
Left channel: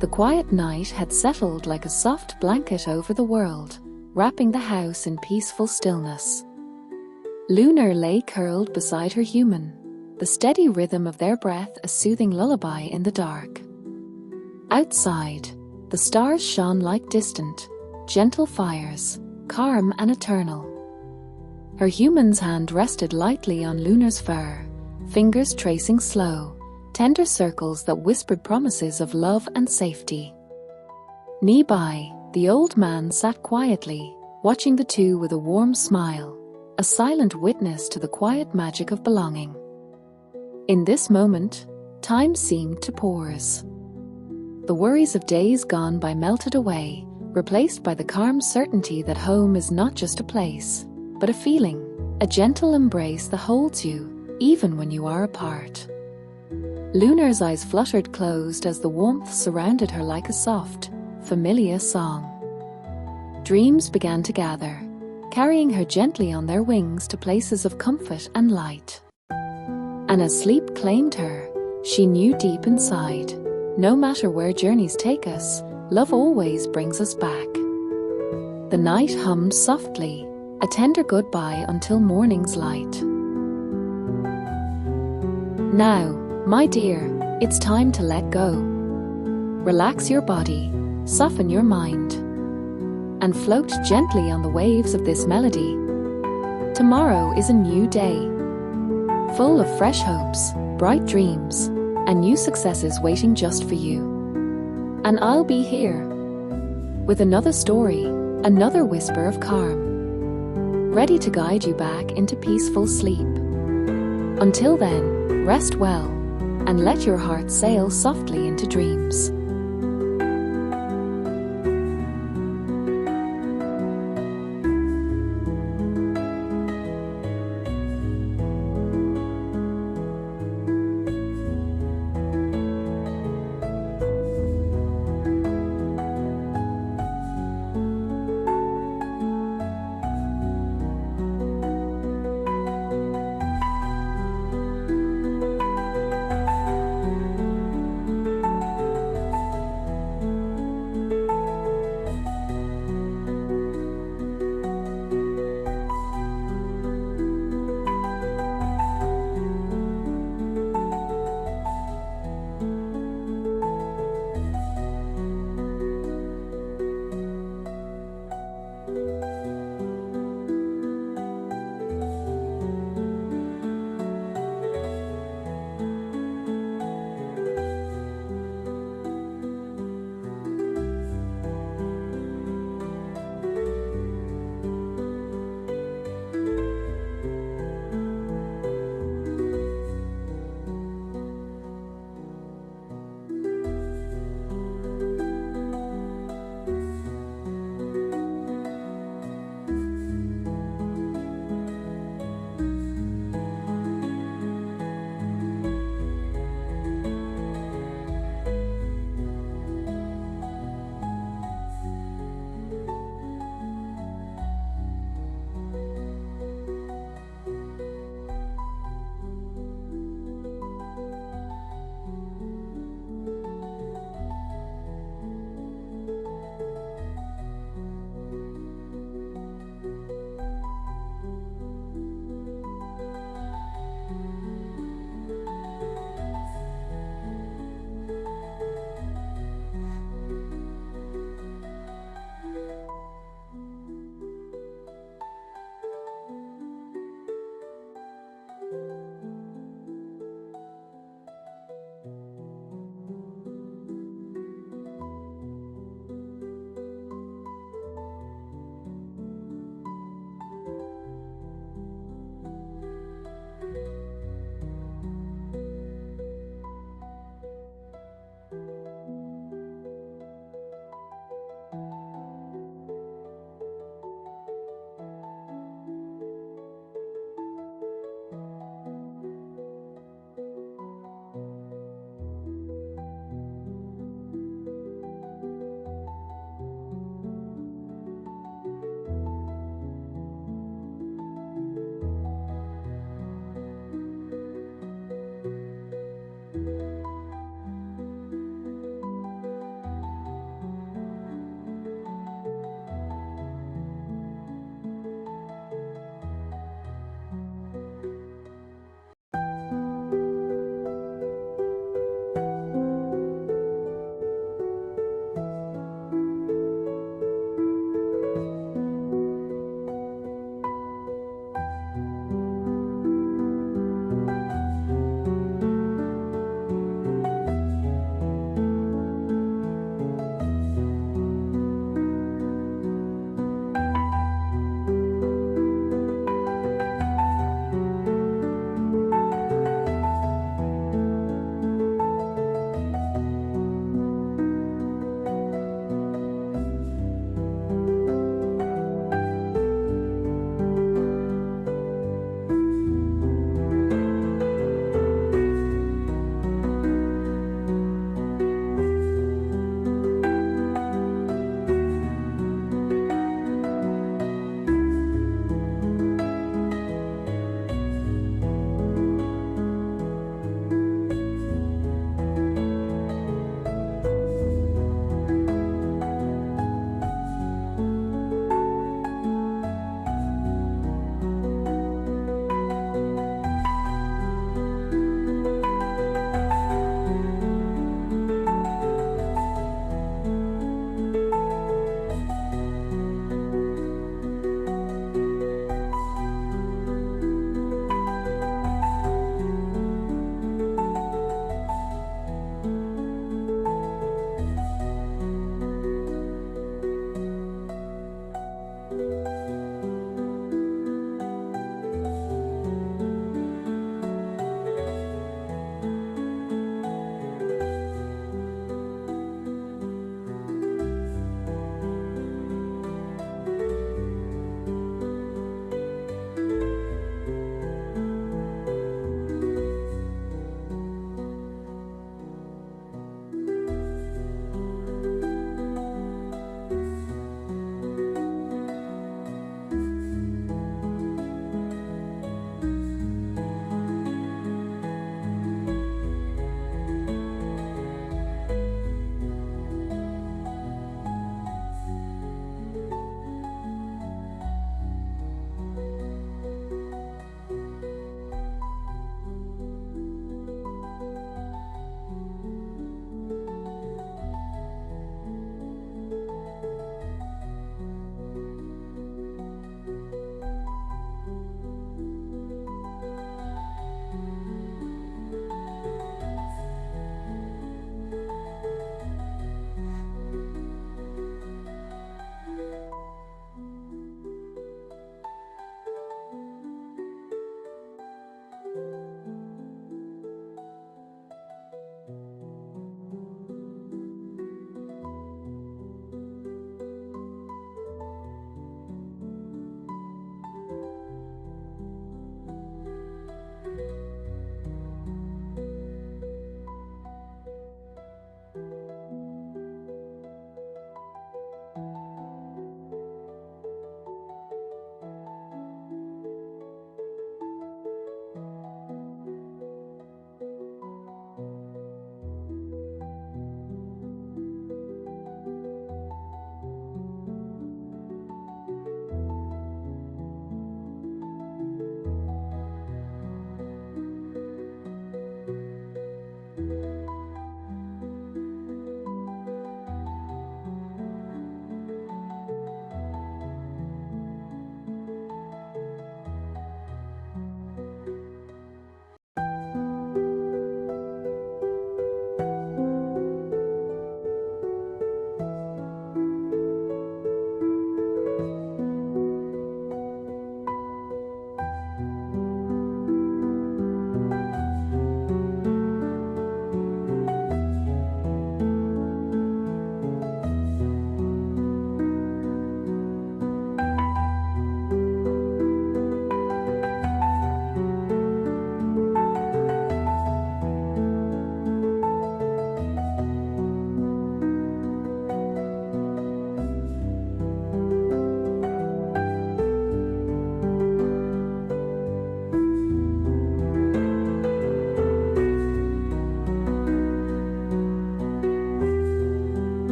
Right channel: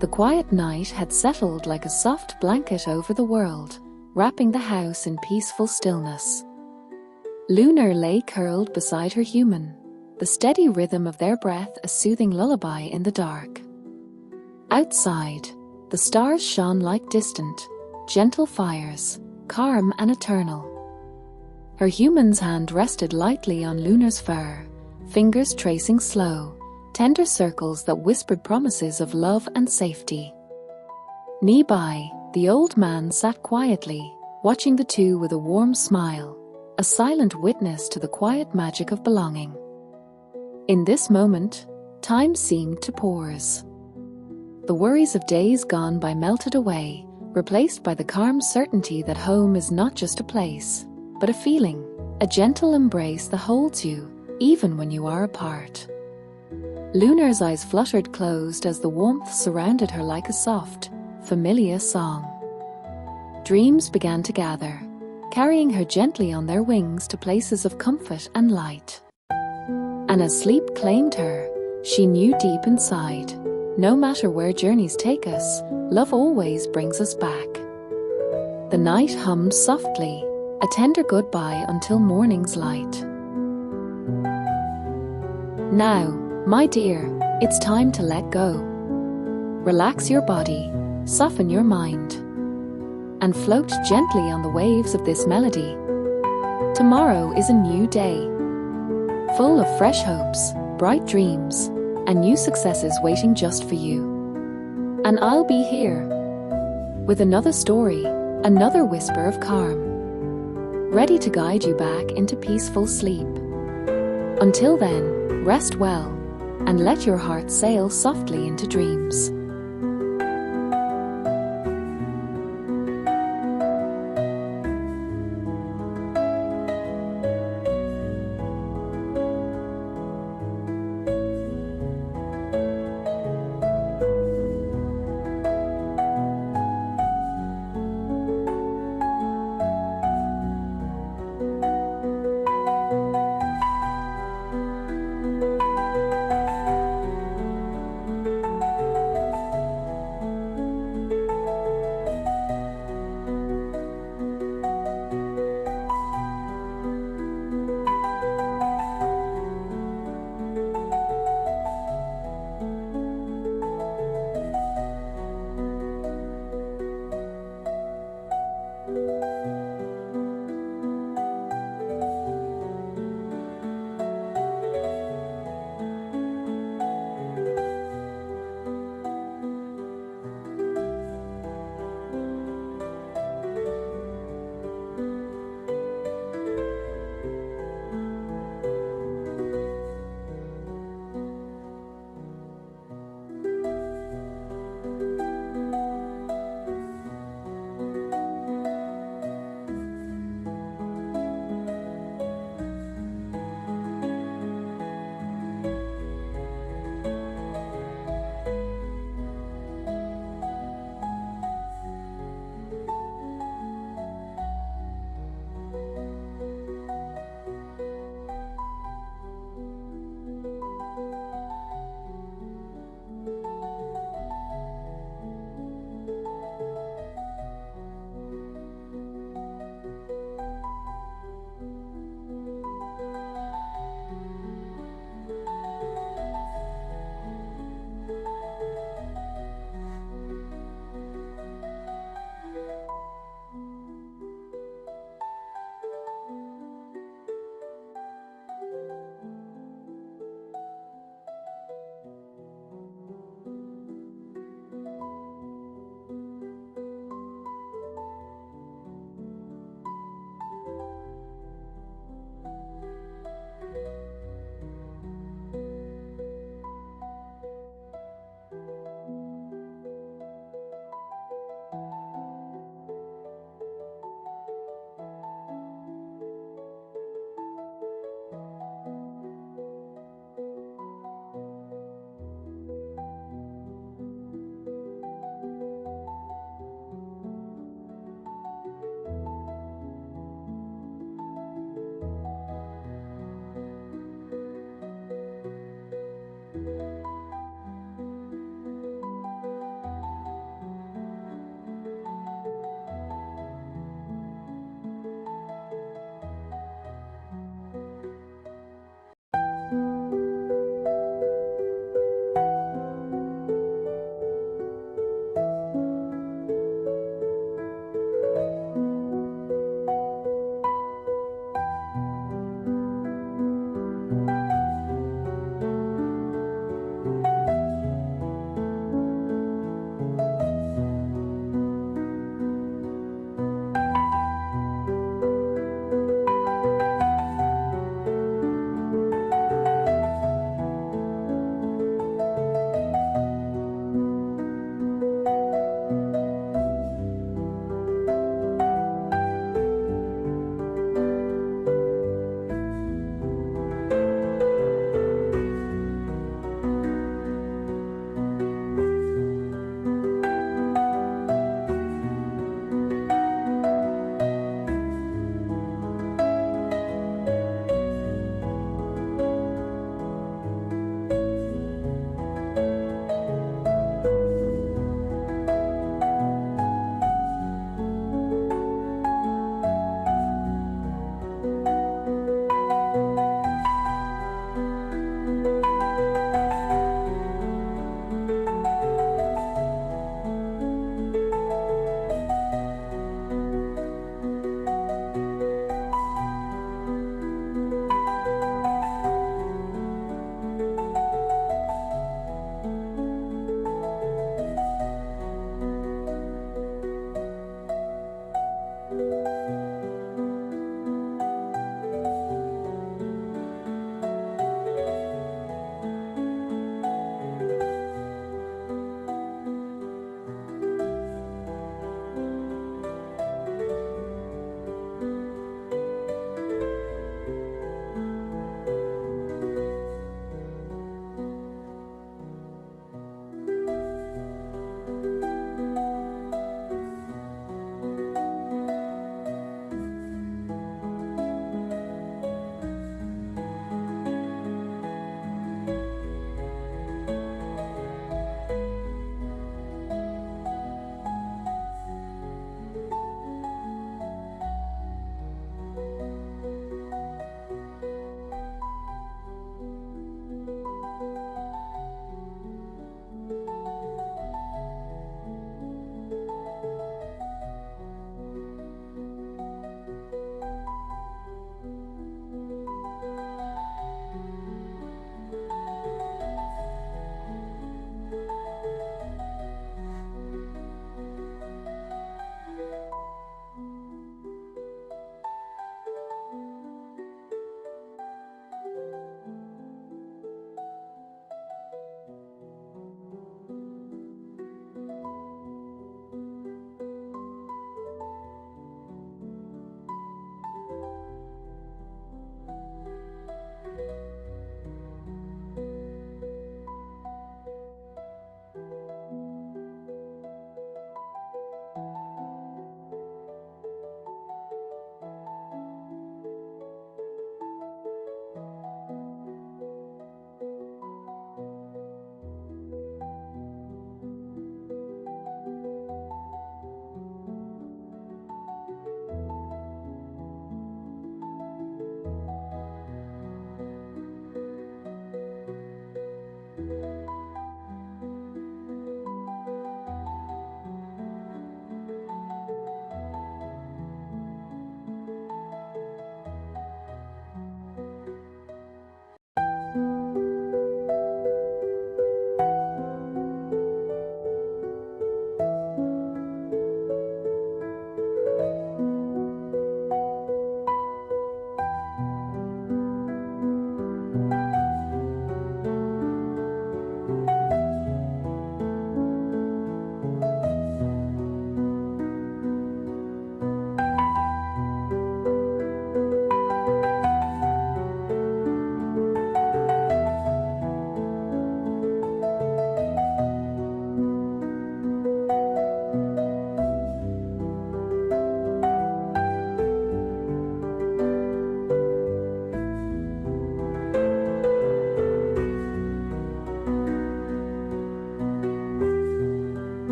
The quiet night had settled like a soft blanket over the world, wrapping the house in peaceful stillness. Lunar lay curled beside her human, the steady rhythm of their breath a soothing lullaby in the dark. Outside, the stars shone like distant, gentle fires, calm and eternal. Her human's hand rested lightly on Lunar's fur, fingers tracing slow, tender circles that whispered promises of love and safety. Nearby, the old man sat quietly, watching the two with a warm smile, a silent witness to the quiet magic of belonging. In this moment, time seemed to pause. The worries of days gone by melted away, replaced by the calm certainty that home is not just a place, but a feeling, a gentle embrace that holds you, even when you are apart. Lunar's eyes fluttered closed as the warmth surrounded her like a soft, familiar song. Dreams began to gather, carrying her gently on their wings to places of comfort and light. And as sleep claimed her, she knew deep inside, no matter where journeys take us, love always brings us back. The night hummed softly, a tender goodbye until morning's light. Now, my dear, it's time to let go. Relax your body, soften your mind, and float gently on the waves of this melody. Tomorrow is a new day, full of fresh hopes, bright dreams, and new successes waiting just for you. And I'll be here, with another story, another whisper of calm, ready to guide you back into peaceful sleep. Until then, rest well, and let your heart sail softly into dreams.